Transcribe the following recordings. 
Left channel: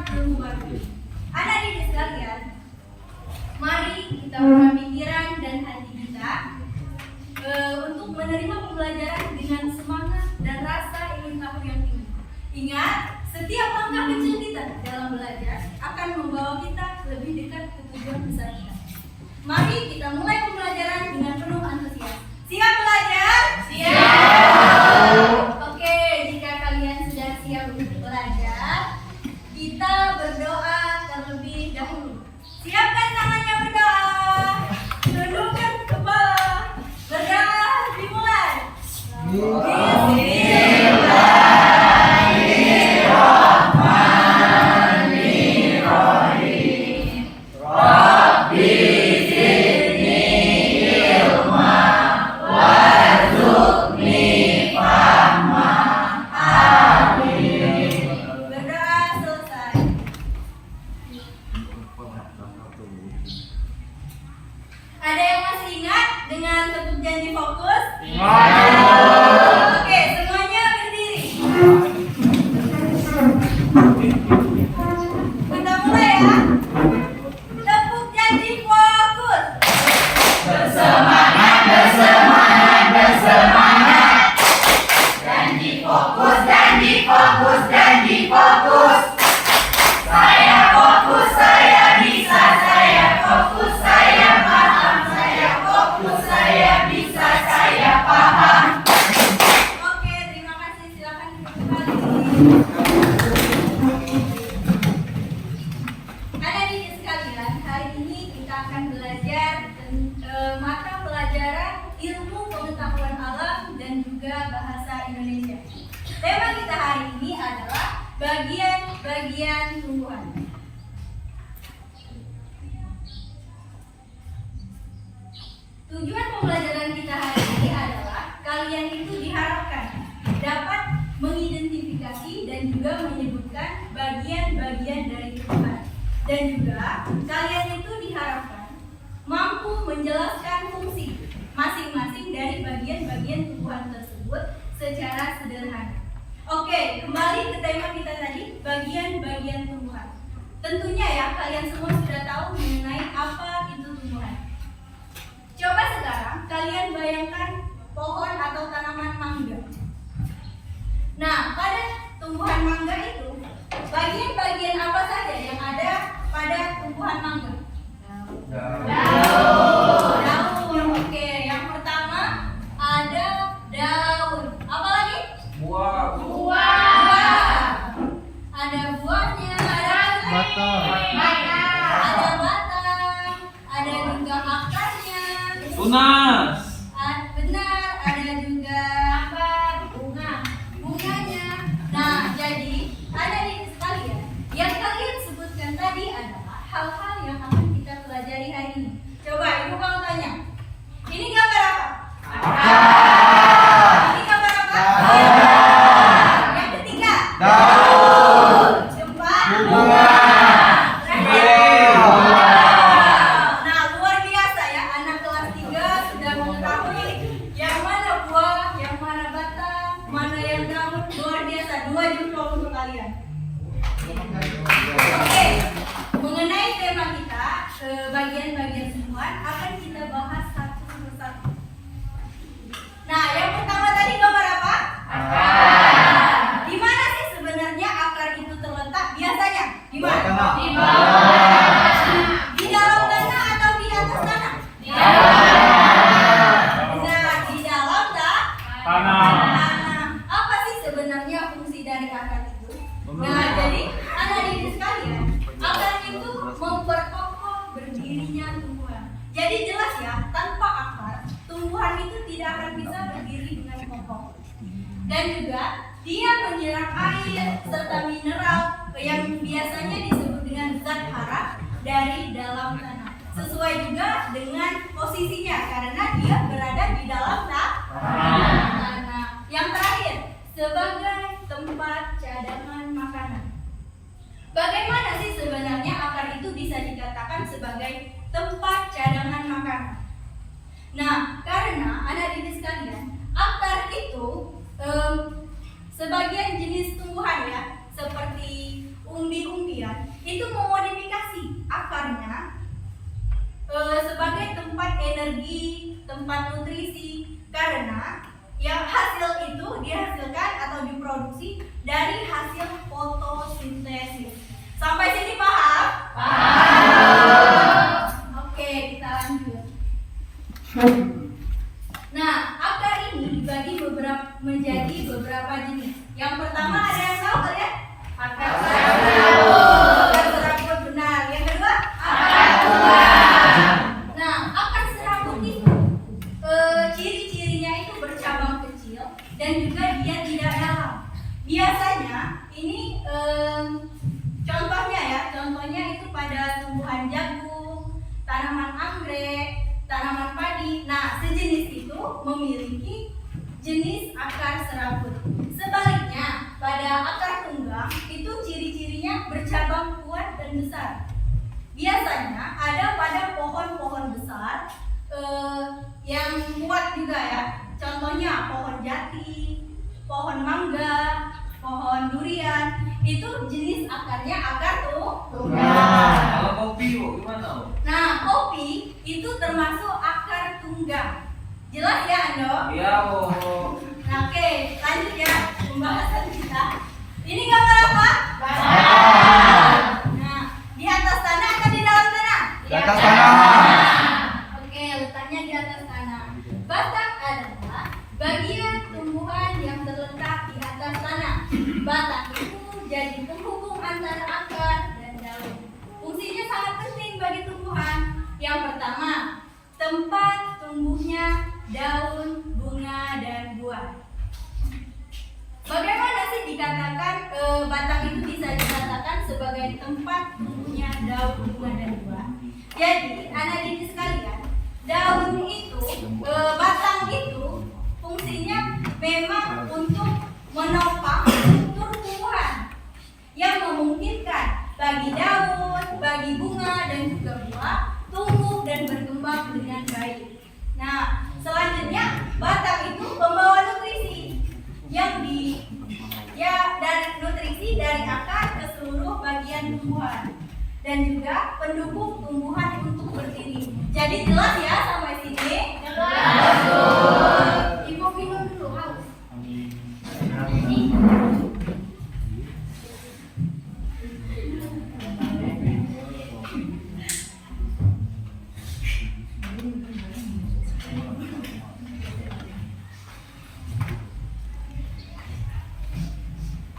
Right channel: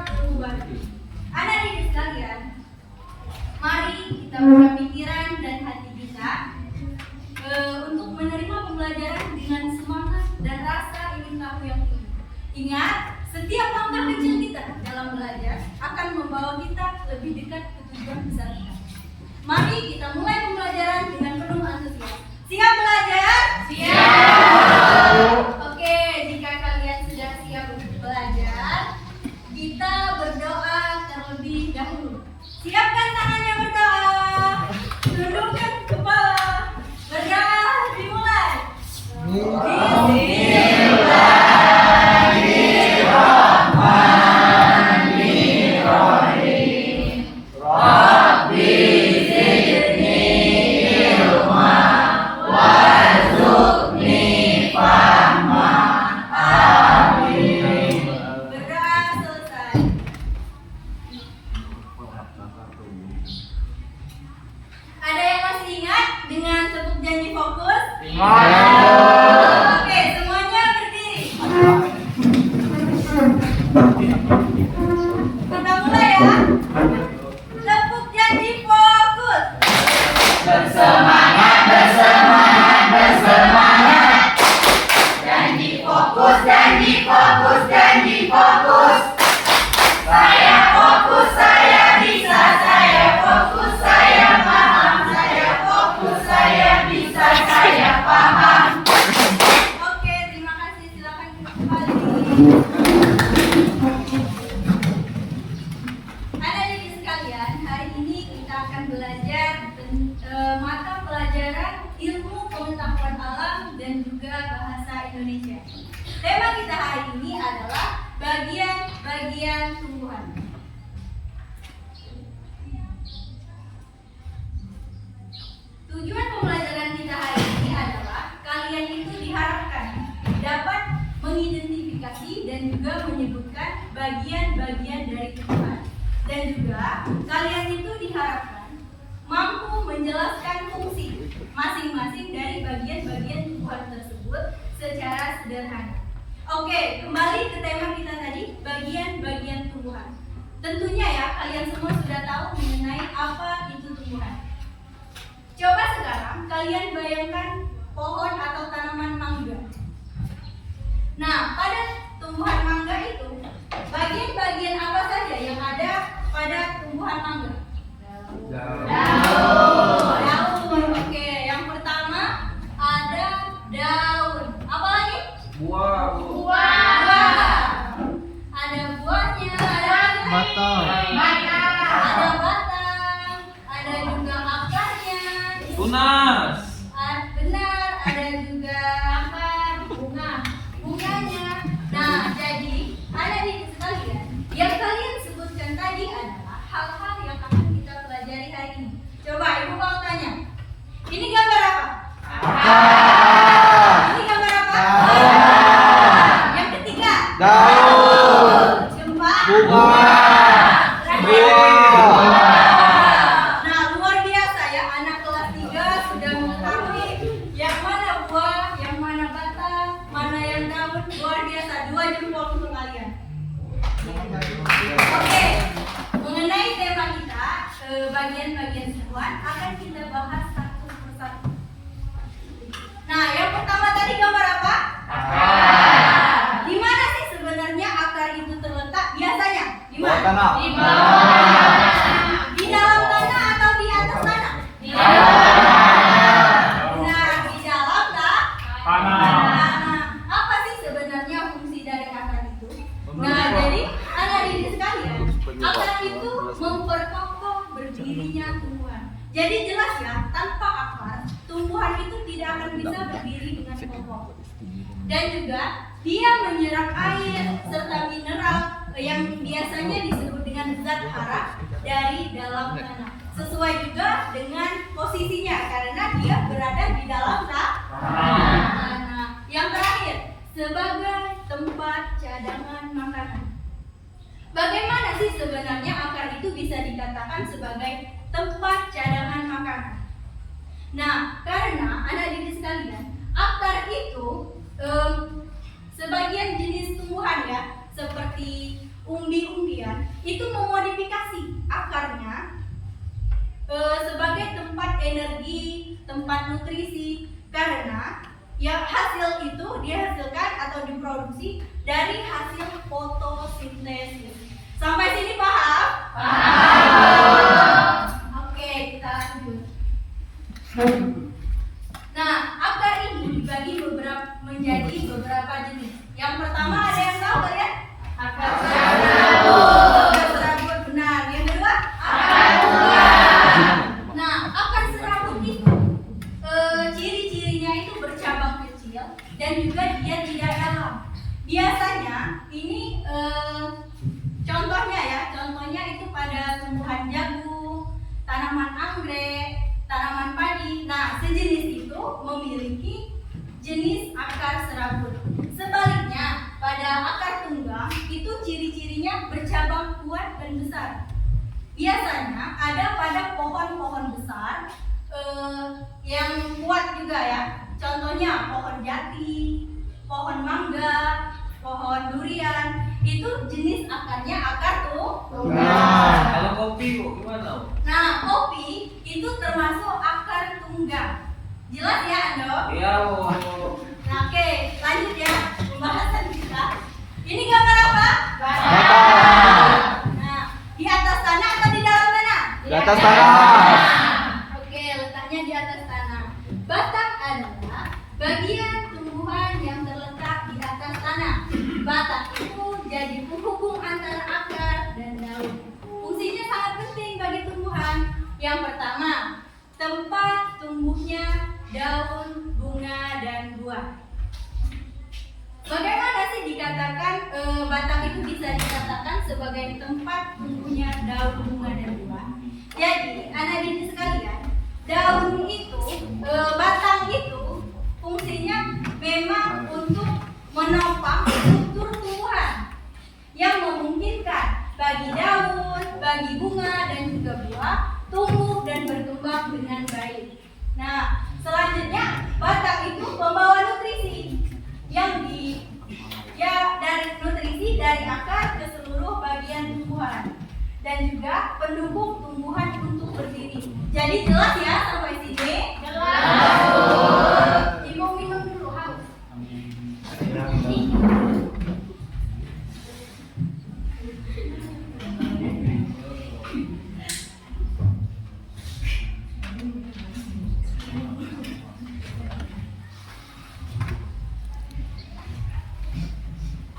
menangkap ilmu baru. Anak didik sekalian, mari kita buka pikiran dan hati kita untuk menerima pembelajaran dengan semangat dan rasa ingin tahu yang tinggi. Ingat, setiap langkah kecil kita dalam belajar akan membawa kita lebih dekat ke tujuan besar kita. Mari kita mulai pembelajaran dengan penuh antusias. Siap belajar? Siap! Oke, jika kalian sudah siap untuk belajar, kita berdoa terlebih dahulu. Siapkan tangannya berdoa. Tundukkan kepala. Berdoa dimulai. Ada yang masih ingat dengan tepuk janji fokus? Oke, semuanya berdiri. Kita mulai ya. Tepuk janji fokus. Bersemangat, bersemangat, bersemangat. Janji fokus, janji fokus, janji fokus. Saya fokus, saya bisa, saya fokus, saya paham, saya fokus, saya bisa, saya paham. Oke, terima kasih. Silakan kita kembali. Anak-anak sekalian, hari ini kita akan belajar mata pelajaran ilmu pengetahuan alam dan juga bahasa Indonesia. Tema kita hari ini adalah bagian-bagian tumbuhan. Tujuan pembelajaran kita hari ini adalah kalian itu diharapkan dapat mengidentifikasi dan juga menyebutkan bagian-bagian dari tumbuhan. Dan juga kalian itu diharapkan mampu menjelaskan fungsi masing-masing dari bagian-bagian tumbuhan tersebut secara sederhana. Oke, kembali ke tema kita tadi, bagian-bagian tumbuhan. Tentunya ya, kalian semua sudah tahu mengenai apa itu tumbuhan. Coba sekarang kalian bayangkan pohon atau tanaman mangga. Nah, pada tumbuhan mangga itu, bagian-bagian apa saja yang ada pada tumbuhan mangga? Daun. Oke, yang pertama ada daun. Apa lagi? Buah. Ada buahnya, ada Batang. ada batang, ada juga akarnya. Tunas. Benar, ada juga apa? Bunganya. Nah, jadi adik-adik sekalian, yang kalian sebutkan tadi adalah hal-hal yang akan kita pelajari hari ini. Coba ibu mau tanya, ini gambar apa? Ini gambar apa? Yang ketiga? Keempat? Nah, luar biasa ya, anak kelas 3 sudah mengetahui yang mana buah, yang mana batang, mana yang daun. Luar biasa, 2 jempol untuk kalian. Oke, mengenai tema kita, bagian-bagian tumbuhan akan kita bahas satu persatu. Nah, yang pertama tadi gambar apa? Di mana sih sebenarnya akar itu terletak? Biasanya di mana? Di Di dalam tanah atau di atas tanah? Benar, di dalam tanah. Apa sih sebenarnya fungsi dari akar itu? Nah, jadi anak didik sekalian, akar itu memperkokoh berdirinya tumbuhan. Jadi jelas ya, tanpa akar, tumbuhan itu tidak akan bisa berdiri dengan kokoh. Dan juga dia menyerap air serta mineral yang biasanya disebut dengan zat hara dari dalam tanah. Sesuai juga dengan posisinya karena dia berada di dalam tanah. Yang terakhir, sebagai tempat cadangan makanan. Bagaimana sih sebenarnya akar itu bisa dikatakan sebagai tempat cadangan makanan? Nah, karena anak didik sekalian, akar itu sebagian jenis tumbuhan ya, seperti umbi-umbian tempat nutrisi, karena yang hasil itu dihasilkan atau diproduksi dari hasil fotosintesis. Sampai sini paham? Paham. Oke, kita lanjut. Nah, akar ini dibagi menjadi beberapa jenis. Yang pertama ada yang tahu kalian? Akar serabut. Akar serabut, benar. Yang kedua? Akar tunggang. Nah, akar serabut itu ciri-cirinya itu bercabang kecil dan juga dia tidak dalam. Biasanya ini contohnya itu pada tumbuhan jagung, tanaman anggrek, tanaman padi. Nah, sejenis itu memiliki jenis akar serabut. Sebaliknya, pada akar tunggang itu ciri-cirinya bercabang kuat dan besar. Biasanya ada pada pohon-pohon besar yang kuat juga ya. Contohnya pohon jati, pohon mangga, pohon durian. Itu jenis akarnya akar tunggang. Kalau kopi kok gimana? Nah, kopi itu termasuk akar tunggang. Jelas ya, Ando? Iya, Nah, oke, lanjut ya pembahasan kita. Ini gambar apa? Nah, di atas tanah atau di dalam tanah? Di atas tanah. Oke, letaknya di atas tanah. Batang adalah bagian tumbuhan yang terletak di atas tanah. Batang itu jadi penghubung antara akar dan daun. Fungsinya sangat penting bagi tumbuhan. Yang pertama, tempat tumbuhnya daun, bunga, dan buah. Bagaimana sih dikatakan batang itu bisa dikatakan sebagai tempat tumbuhnya daun, bunga, dan buah? Jadi, anak didik sekalian, daun itu, batang itu fungsinya memang untuk menopang struktur tumbuhan yang memungkinkan bagi daun, bagi bunga, dan juga buah tumbuh dan berkembang dengan baik. Nah, selanjutnya batang itu pembawa nutrisi yang dari nutrisi dari akar ke seluruh bagian tumbuhan dan juga pendukung tumbuhan untuk berdiri. Jadi jelas ya sampai sini? Jelas. Ibu minum dulu haus.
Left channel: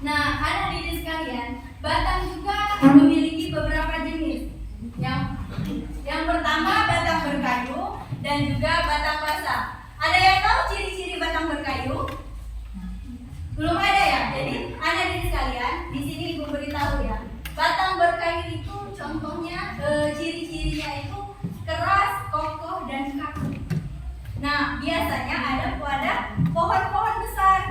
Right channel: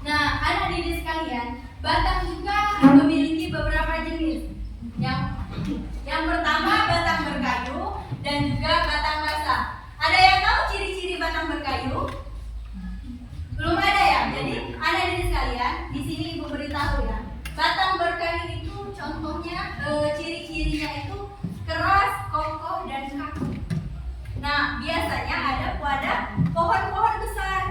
Nah, anak didik sekalian, batang juga memiliki beberapa jenis. Yang pertama batang berkayu dan juga batang basah. Ada yang tahu ciri-ciri batang berkayu? Belum ada ya. Jadi anak didik sekalian, di sini ibu beritahu ya. Batang berkayu itu contohnya ciri-cirinya itu keras, kokoh, dan kaku. Nah, biasanya ada pada pohon-pohon besar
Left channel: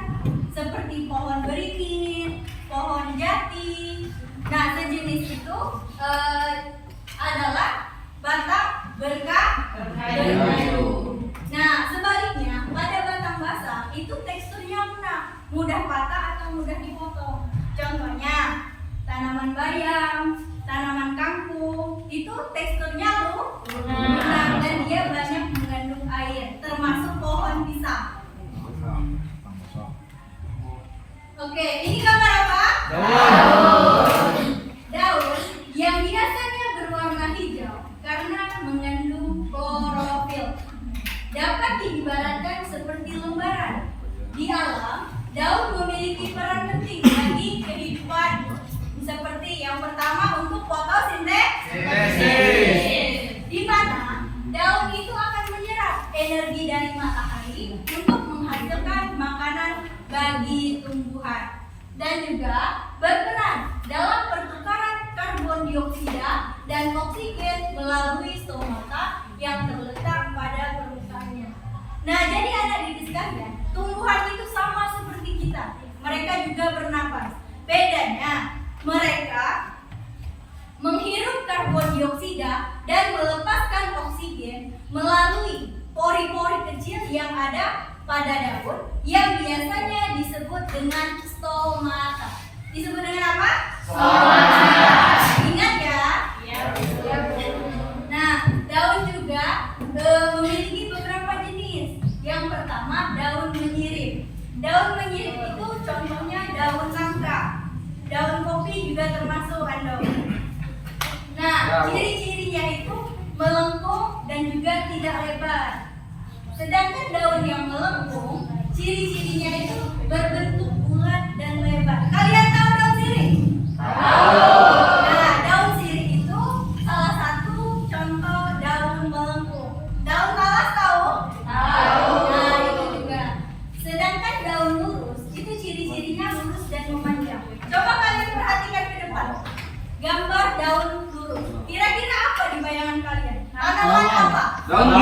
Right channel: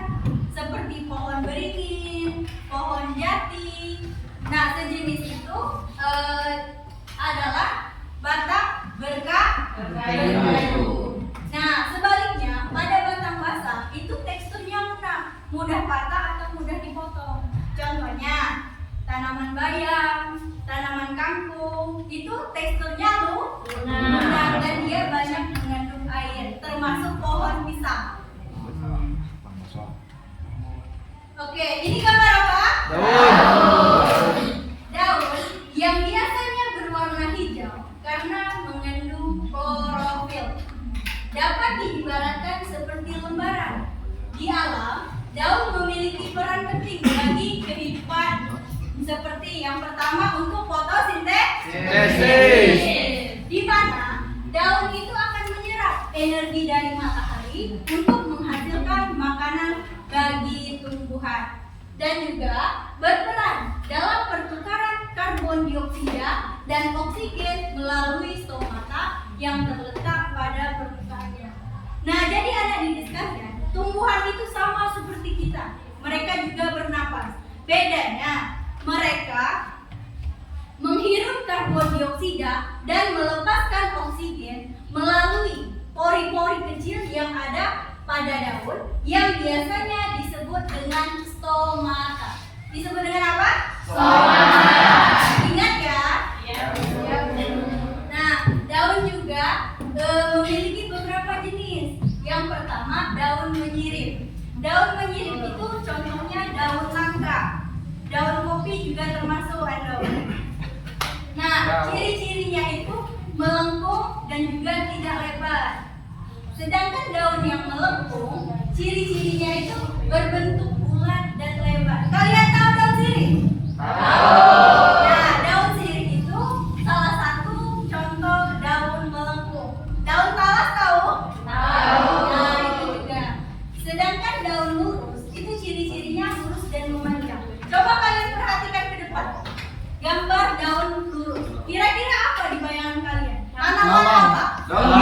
seperti pohon beringin, pohon jati. Nah, sejenis itu adalah batang berkayu. Nah, sebaliknya pada batang basah itu teksturnya lunak, mudah patah atau mudah dipotong. Contohnya tanaman bayam, tanaman kangkung, itu teksturnya lunak dan dia banyak mengandung air, termasuk pohon pisang. Oke, ini gambar apa? Daun yang biasanya berwarna hijau karena mengandung klorofil. Dapat diibaratkan seperti lembaran. Di alam, daun memiliki peran penting bagi kehidupan. Seperti yang pertama untuk fotosintesis, di mana daun itu akan menyerap energi dari matahari untuk menghasilkan makanan bagi tumbuhan dan juga berperan dalam pertukaran karbon dioksida dan oksigen melalui stomata yang terletak pada permukaannya. Nah, jadi anak didik sekalian, tumbuhan itu sama seperti kita. Mereka juga bernapas. Bedanya, mereka menghirup karbon dioksida dan melepaskan oksigen melalui pori-pori kecil yang ada pada daun yang biasanya disebut dengan stomata. Disebut dengan apa? Stomata. Ingat ya? Iya. Nah, daun juga memiliki beberapa jenis. melengkung dan juga tidak lebar. Sedangkan daun yang melengkung, ciri-cirinya itu berbentuk bulat dan lebar. Kalian tahu daun sirih? Nah, daun sirih itu salah satu contoh daun melengkung. Daun talas tahu? Nah, itu juga. Sedangkan daun lurus itu ciri-cirinya lurus dan memanjang. Coba kalian perhatikan ke depan. Gambar daun lurus. Kira-kira apa di bayangan kalian? Tanaman apa? Daun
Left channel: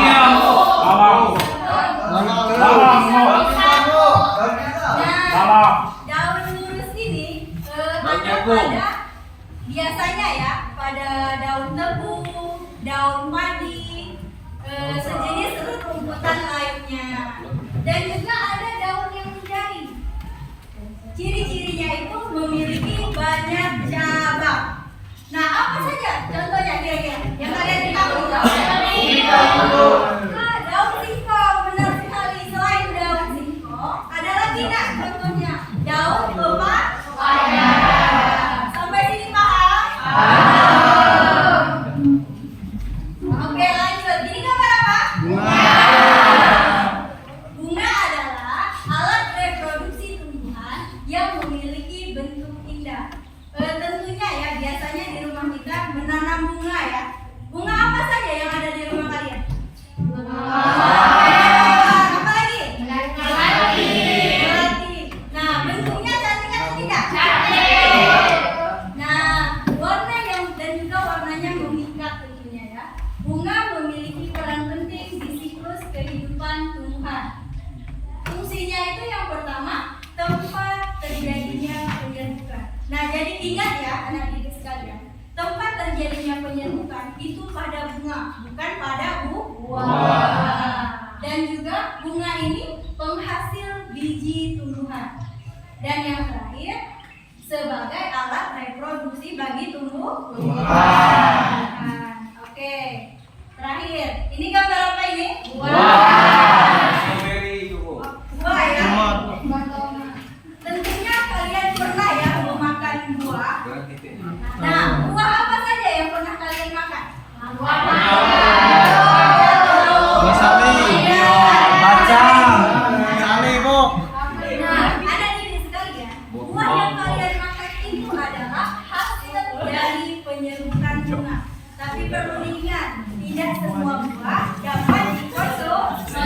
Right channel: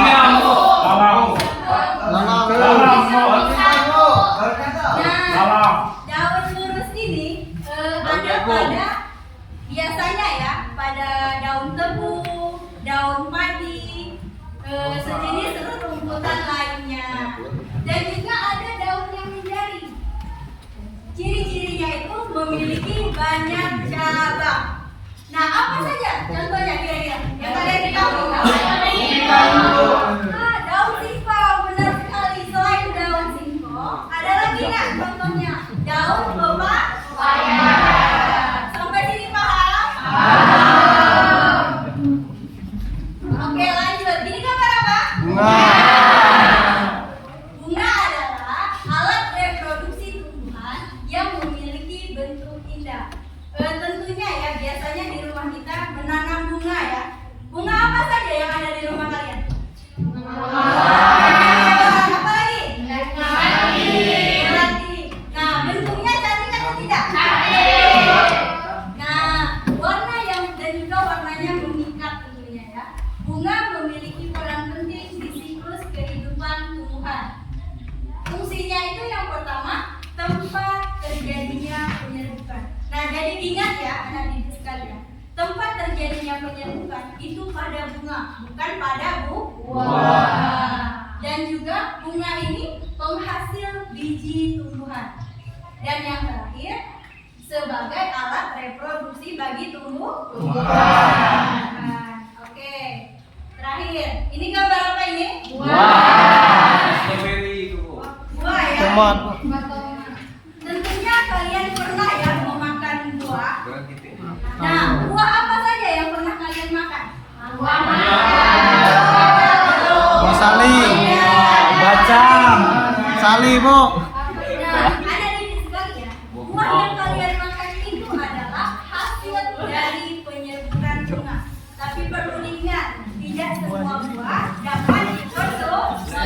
lurus ini ada biasanya ya pada daun tebu, daun padi, sejenis rumputan lainnya, dan juga ada daun yang menjari. Ciri-cirinya itu memiliki banyak cabang. Nah, apa saja contohnya kira-kira yang kalian ketahui? Daun singkong, benar sekali. Selain daun singkong, ada lagi contohnya daun pepaya. Sampai sini paham? Oke, lanjut. Ini gambar apa? Bunga adalah alat reproduksi tumbuhan yang memiliki bentuk indah. Tentunya ya, biasanya di rumah kita menanam bunga ya. Bunga apa saja yang ada di rumah kalian? Apa lagi? Melati. Nah, bentuknya cantik atau tidak? Nah, warna dan juga warnanya memikat tentunya ya. Bunga memiliki peran penting di siklus kehidupan tumbuhan. Fungsinya itu yang pertama, tempat terjadinya penyerbukan. Nah, jadi ingat ya anak didik sekalian, tempat terjadinya penyerbukan itu pada bunga, bukan pada buah. Dan juga bunga ini penghasil biji tumbuhan. Dan yang terakhir, sebagai alat reproduksi bagi tumbuhan. Oke, terakhir, ini gambar apa ini? Buah ya. Tentunya kalian pernah ya memakan buah. Nah, buah apa saja yang pernah kalian makan? Buah sali, bacang, sali bu. Nah, ada di sekalian. Buah yang kalian makan itu adalah hasil dari penyerbukan bunga. Tapi perlu diingat, tidak semua buah dapat dikonsumsi.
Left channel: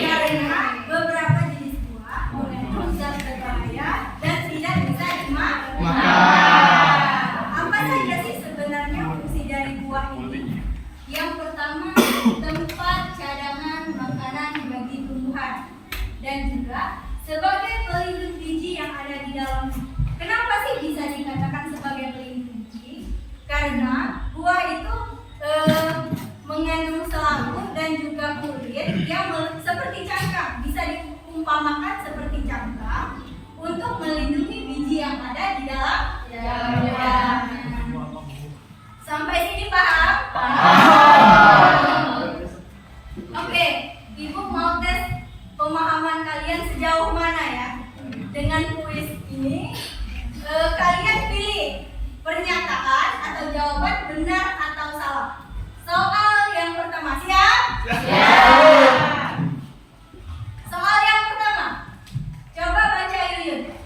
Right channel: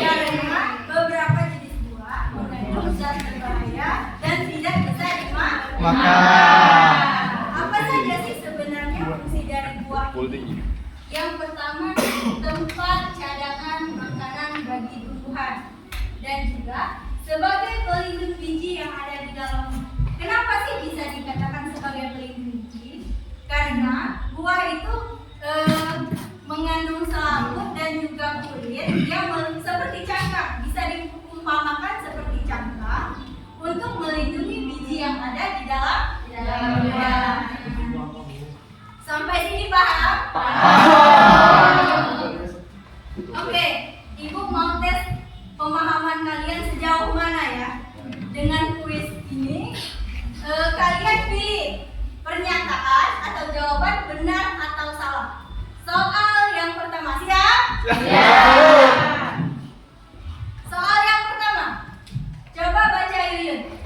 Karena beberapa jenis buah mengandung zat berbahaya dan tidak bisa dimakan. Apa saja sih sebenarnya fungsi dari buah ini? Yang pertama, tempat cadangan makanan bagi tumbuhan, dan juga sebagai pelindung biji yang ada di dalam. Kenapa sih bisa dikatakan sebagai pelindung biji? Karena buah itu mengandung selaput dan juga kulit yang seperti cangkang, bisa diumpamakan seperti cangkang untuk melindungi biji yang ada di dalam. Sampai sini paham? Oke, Ibu mau tes pemahaman kalian sejauh mana ya? Dengan kuis ini, kalian pilih pernyataan atau jawaban benar atau salah. Soal yang pertama, siap? Soal yang pertama, coba baca Yuyun.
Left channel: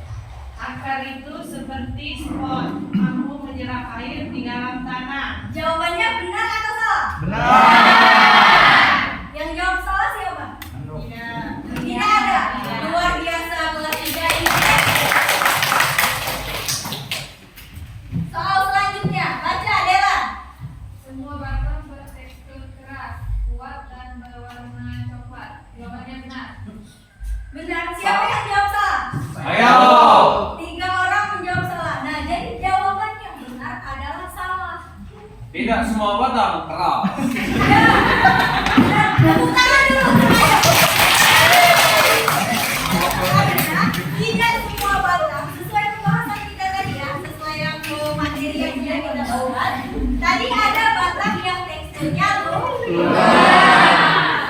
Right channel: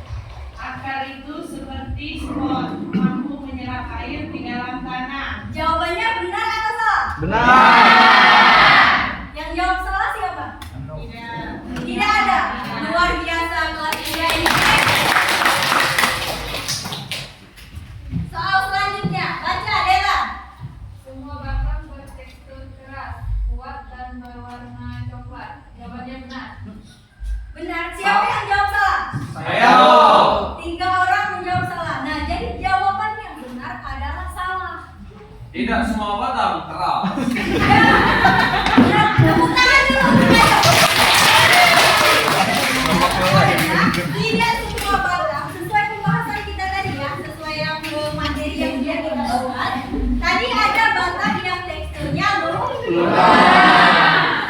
Akar itu seperti spons, mampu menyerap air di dalam tanah. Jawabannya benar atau salah? Benar. Yang jawab salah siapa? Tidak ada. Luar biasa kelas 3 ini. Soal selanjutnya, baca Dela. Semua batang bertekstur keras, kuat dan berwarna coklat. Jawabannya benar. Benar. Siapa yang jawab salah? Saya. 3 orang menjawab salah. Nah, jadi jawaban yang benar adalah salah. Tidak semua batang keras. Ya. Nah, tepuk tangan dulu. Ayo. Karena tidak semua batang sesuai pembahasan kita tadi ya, sesuai yang materi yang sudah kita bahas. Tadi ada batang yang teksturnya lunak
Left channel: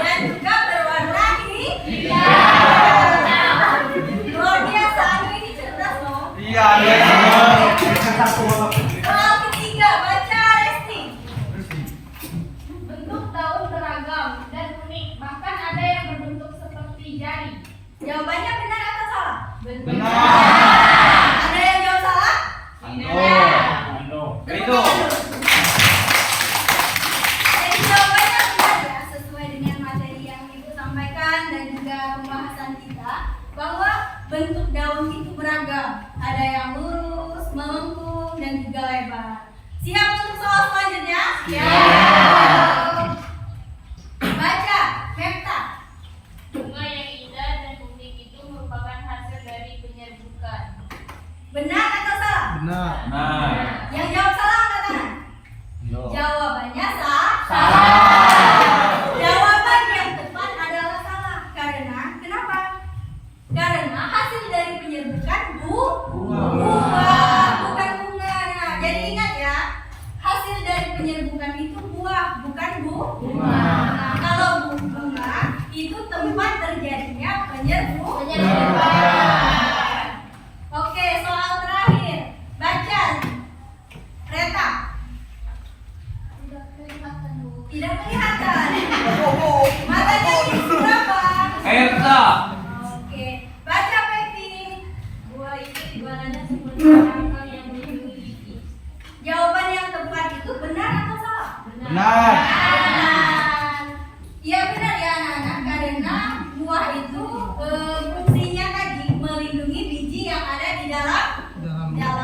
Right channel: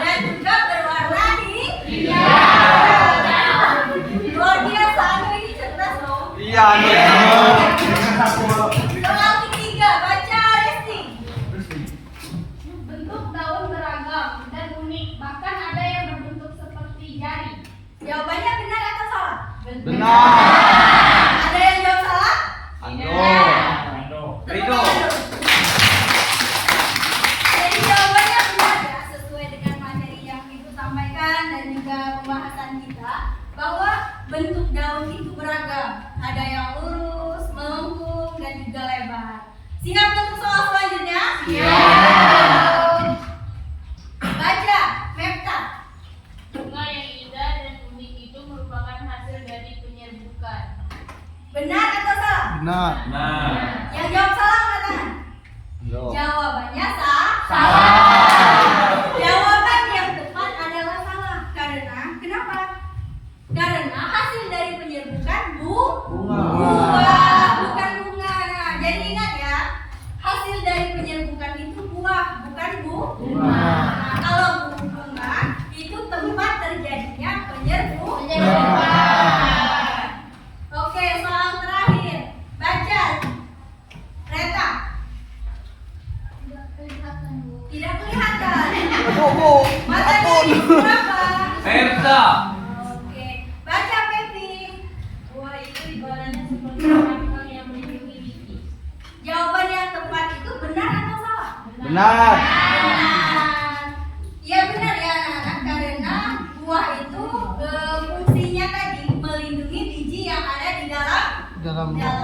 dan juga berwarna hijau. Luar biasa, anu ini cerdas loh. Iya. Soal ketiga, baca Resti. Itu. Jadi jawabannya benar ya, sesuai dengan materi yang Ibu sampaikan dan juga pembahasan kita, bahwa bentuk daun itu beragam. Ada yang lurus, melengkung, dan juga lebar. Siap untuk soal selanjutnya? Siap. Baca, Mepta. Bunga yang indah dan unik itu merupakan hasil dari penyerbukan. Benar atau salah? Benar. Nah. Yang jawab salah angkat tangan. Yo. Jawabannya salah. Jawaban yang tepat adalah salah. Karena kenapa? Karena hasil dari penyerbukan bunga, bukan bunga. Nah, jadi ingat ya, hasil dari penyerbukan itu buah, bukan bunga. Nah, kalau bunga itu tempat terjadinya penyerbukan. Oke, soal terakhir. Baca. Reta. Tidak kelihatan. Matanya itu berapa? Herta. Oke. Baca, Pepi. Buah itu ibaratnya seperti rangka yang melindungi biji. Jawaban yang tepat itu benar atau salah? Benar. Benar. Iya benar ya anak-anak, karena buah itu fungsinya tadi melindungi biji yang ada di dalamnya.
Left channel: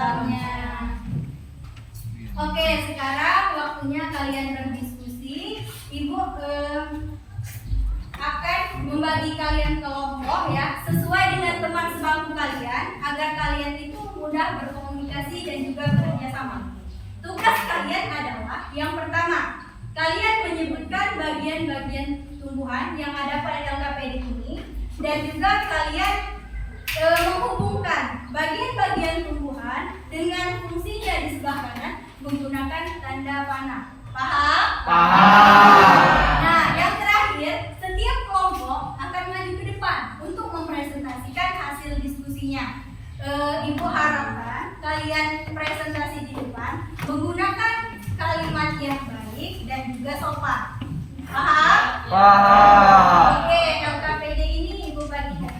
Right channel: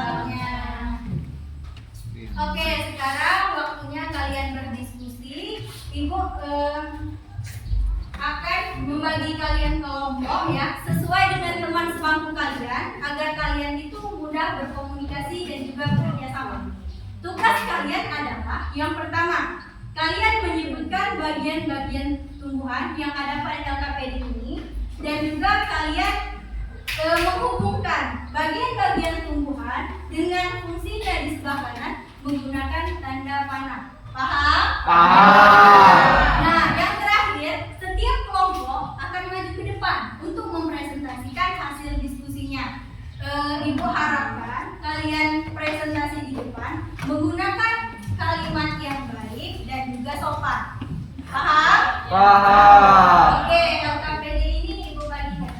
Oke, sekarang waktunya kalian berdiskusi. Ibu akan membagi kalian kelompok ya, sesuai dengan teman sebangku kalian, agar kalian itu mudah berkomunikasi dan juga bekerja sama. Tugas kalian adalah yang pertama, kalian menyebutkan bagian-bagian tumbuhan yang ada pada LKPD ini, dan juga kalian menghubungkan bagian-bagian tumbuhan dengan fungsinya di sebelah kanan menggunakan tanda panah. Paham? Paham. Nah, yang terakhir, setiap kelompok akan maju ke depan untuk mempresentasikan hasil diskusinya. Ibu harapkan kalian presentasi di depan menggunakan kalimat yang baik dan juga sopan. Paham? Paham. Oke, LKPD ini Ibu bagikan.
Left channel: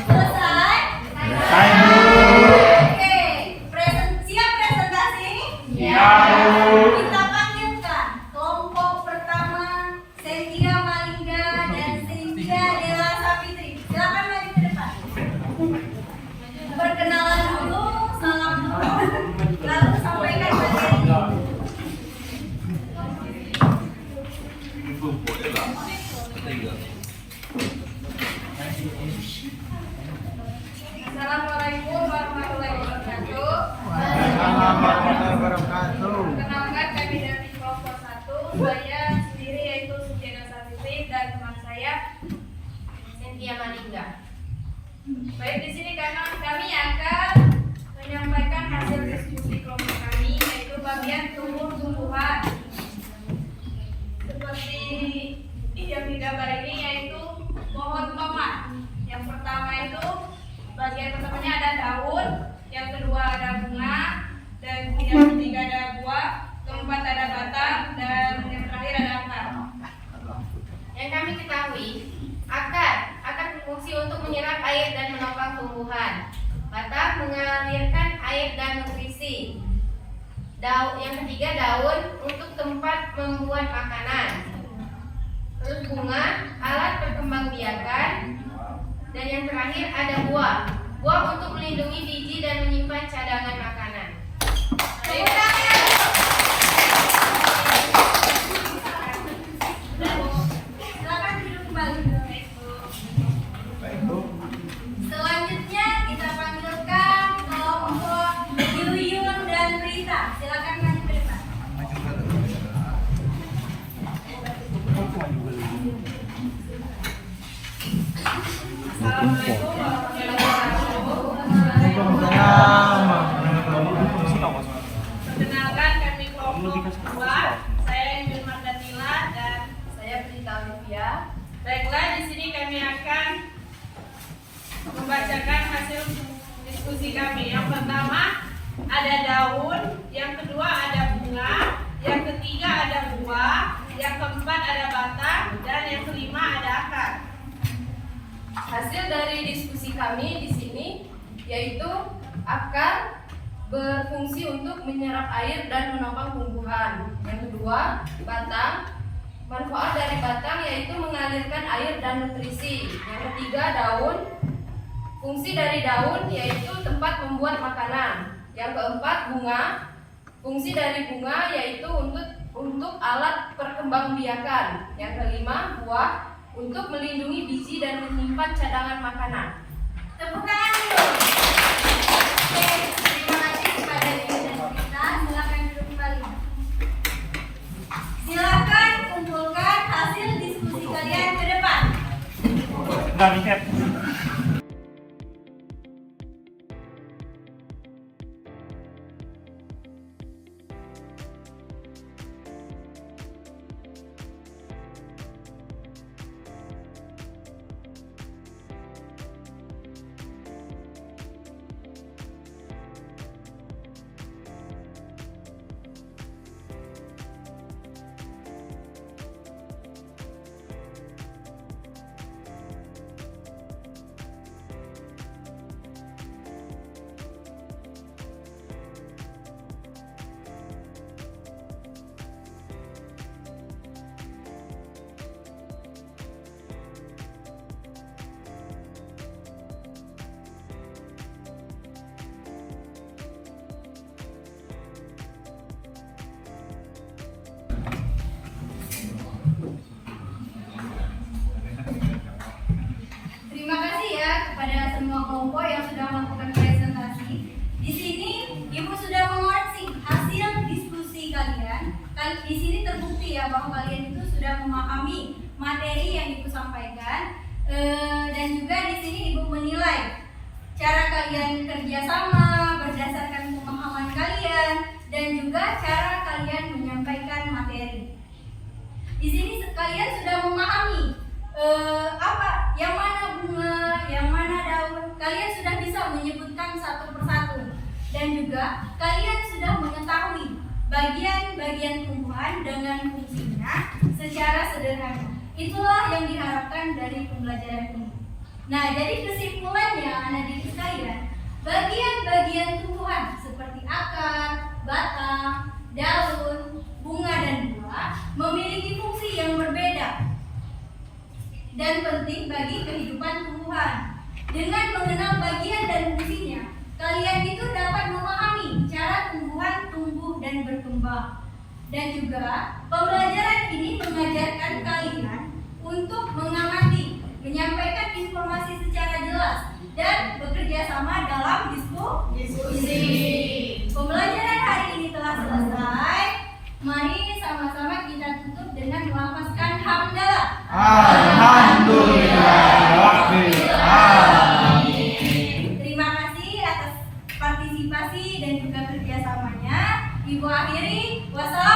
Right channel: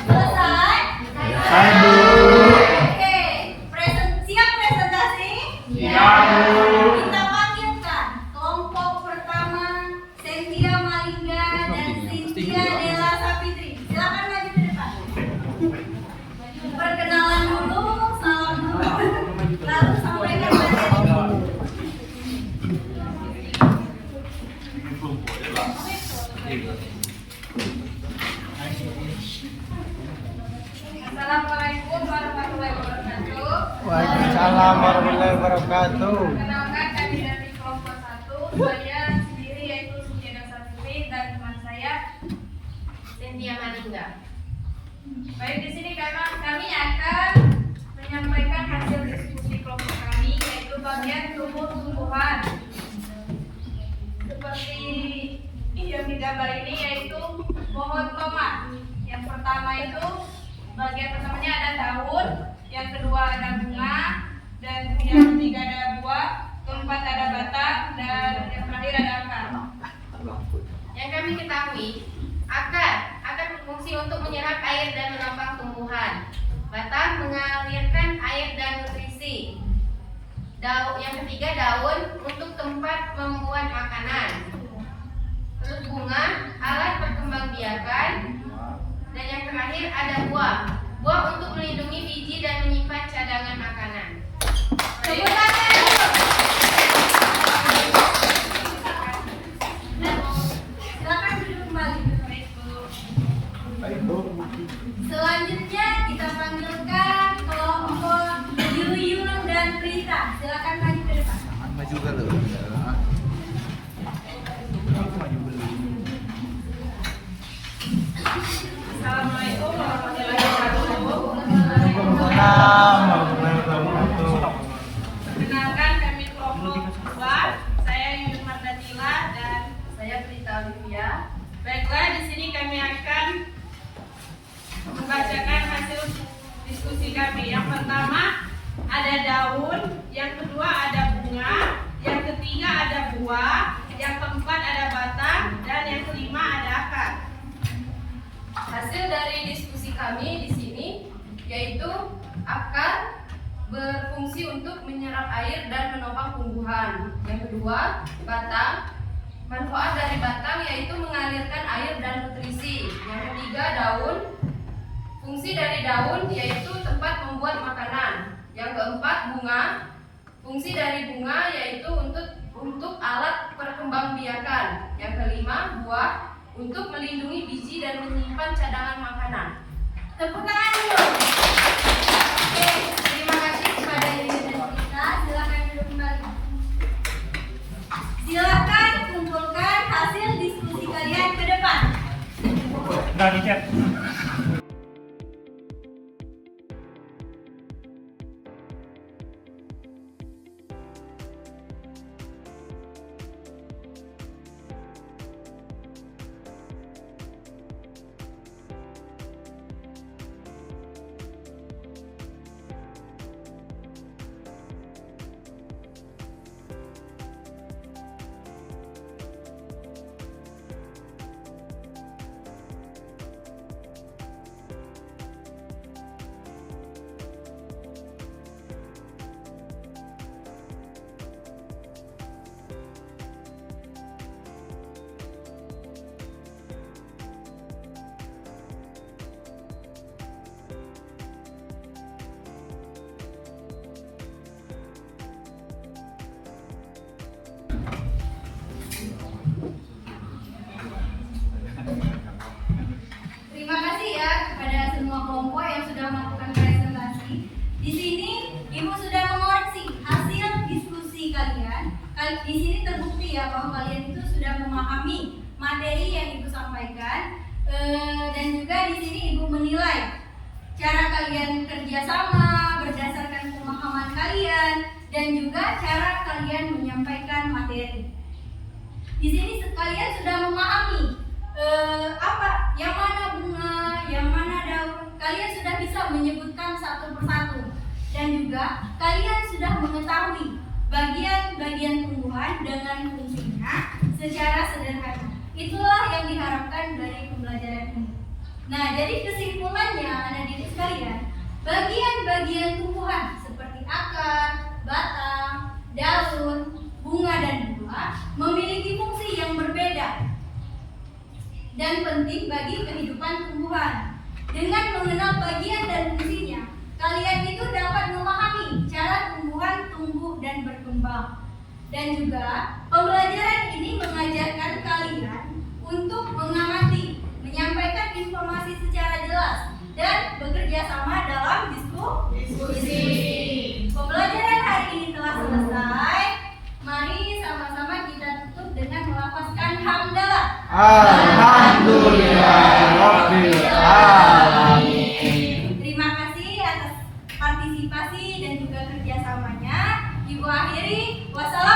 Selesai? Selesai, Bu. Oke, siap presentasi? Siap. Kita panggilkan kelompok pertama Cynthia Malingga dan Cynthia Della Sapitri. Silakan maju ke depan. Perkenalan dulu, salam dulu, lalu sampaikan materi. Assalamualaikum warahmatullahi wabarakatuh. Waalaikumsalam warahmatullahi wabarakatuh. Perkenalkan kami dari kelompok 1. Saya sendiri yaitu Sukiana Sapitri dan teman saya Cynthia Malingga. Baik, di sini kami akan menyampaikan hasil diskusi kelompok kami yaitu bagian tumbuh-tumbuhan. Seperti yang digambar ini yaitu pohon tomat. Yang pertama itu bagian pertamanya ada daun, yang kedua ada bunga, dan yang ketiga ada buah, keempat ada batang, dan yang terakhir ada akar. Yang kami ketahui, akar berfungsi untuk menyerap air dan menopang tumbuhan. Batang mengalirkan air dan nutrisi. Yang ketiga daun untuk tempat membuat makanan. Terus bunga alat perkembangbiakan. Dan yang terakhir ada buah. Buah untuk melindungi biji dan menyimpan cadangan makanan. Tepuk tangan dulu. Dan silakan duduk kembali. Selanjutnya kita panggilkan kelompok Yuyun dan Prita. Silakan maju ke depan. Assalamualaikum warahmatullahi wabarakatuh. Perkenalkan kami kelompok 2. Saya Yuyun Mardanila dan saya Prita Olivia. Baiklah, di sini kami akan membacakan hasil diskusi kami. Yang pertama ada daun, yang kedua ada bunga, yang ketiga ada buah, yang keempat ada batang, dan yang kelima ada akar. Hasil dari diskusi kami di sini yaitu akar berfungsi untuk menyerap air dan menopang tumbuhan. Yang kedua, batang. Manfaat dari batang yaitu mengalirkan air dan nutrisi. Yang ketiga, daun. Fungsi dari daun yaitu tempat membuat makanan. Yang keempat, bunga. Fungsi dari bunga yaitu untuk alat perkembangbiakan. Yang kelima, buah. Untuk melindungi biji dan menyimpan cadangan makanan. Tepuk tangan dulu. Oke, terima kasih kepada Yuyun dan Prita. Silakan duduk kembali. Silakan kumpulkan hasil diskusi kalian ke depan. Terima kasih ya kepada semua kelompok yang sudah melakukan presentasi. Di sini Ibu sudah mengoreksi hasil diskusi kalian. Di sini terbukti ya bahwa kalian itu sudah memahami materi yang Ibu sampaikan. Dan juga di sini Ibu menilai cara kalian kerjasama berdasarkan pemahaman kalian dan juga cara kalian menyampaikan materi. Di sini kalian sudah memahami apa yang mana bunga, yang mana daun. Kalian sudah bisa menyebutkan satu persatu dan juga kalian sudah mengetahui bagian-bagian tumbuhan dengan fungsinya secara sederhana. Itulah yang diharapkan dari pembelajaran ini. Nah, jadi kesimpulannya anak didik sekalian, bagian-bagian tumbuhan seperti akar, batang, daun, bunga dan buah memiliki fungsi yang berbeda dan penting bagi kehidupan tumbuhan. Dengan mengenal bagian dan fungsinya, kalian itu dapat memahami cara tumbuhan tumbuh dan berkembang. Dan juga pembelajaran ini mengajarkan kalian untuk mengamati, menyampaikan informasi secara jelas dan bekerja sama dalam diskusi. Pembelajaran hari ini telah selesai. Mari sama-sama kita tutup dengan melafazkan hamdalah. Alhamdulillah Rabbil Alamin. Terima kasih atas partisipasi dan juga kerjasamanya. Ibu akhiri, wassalamualaikum.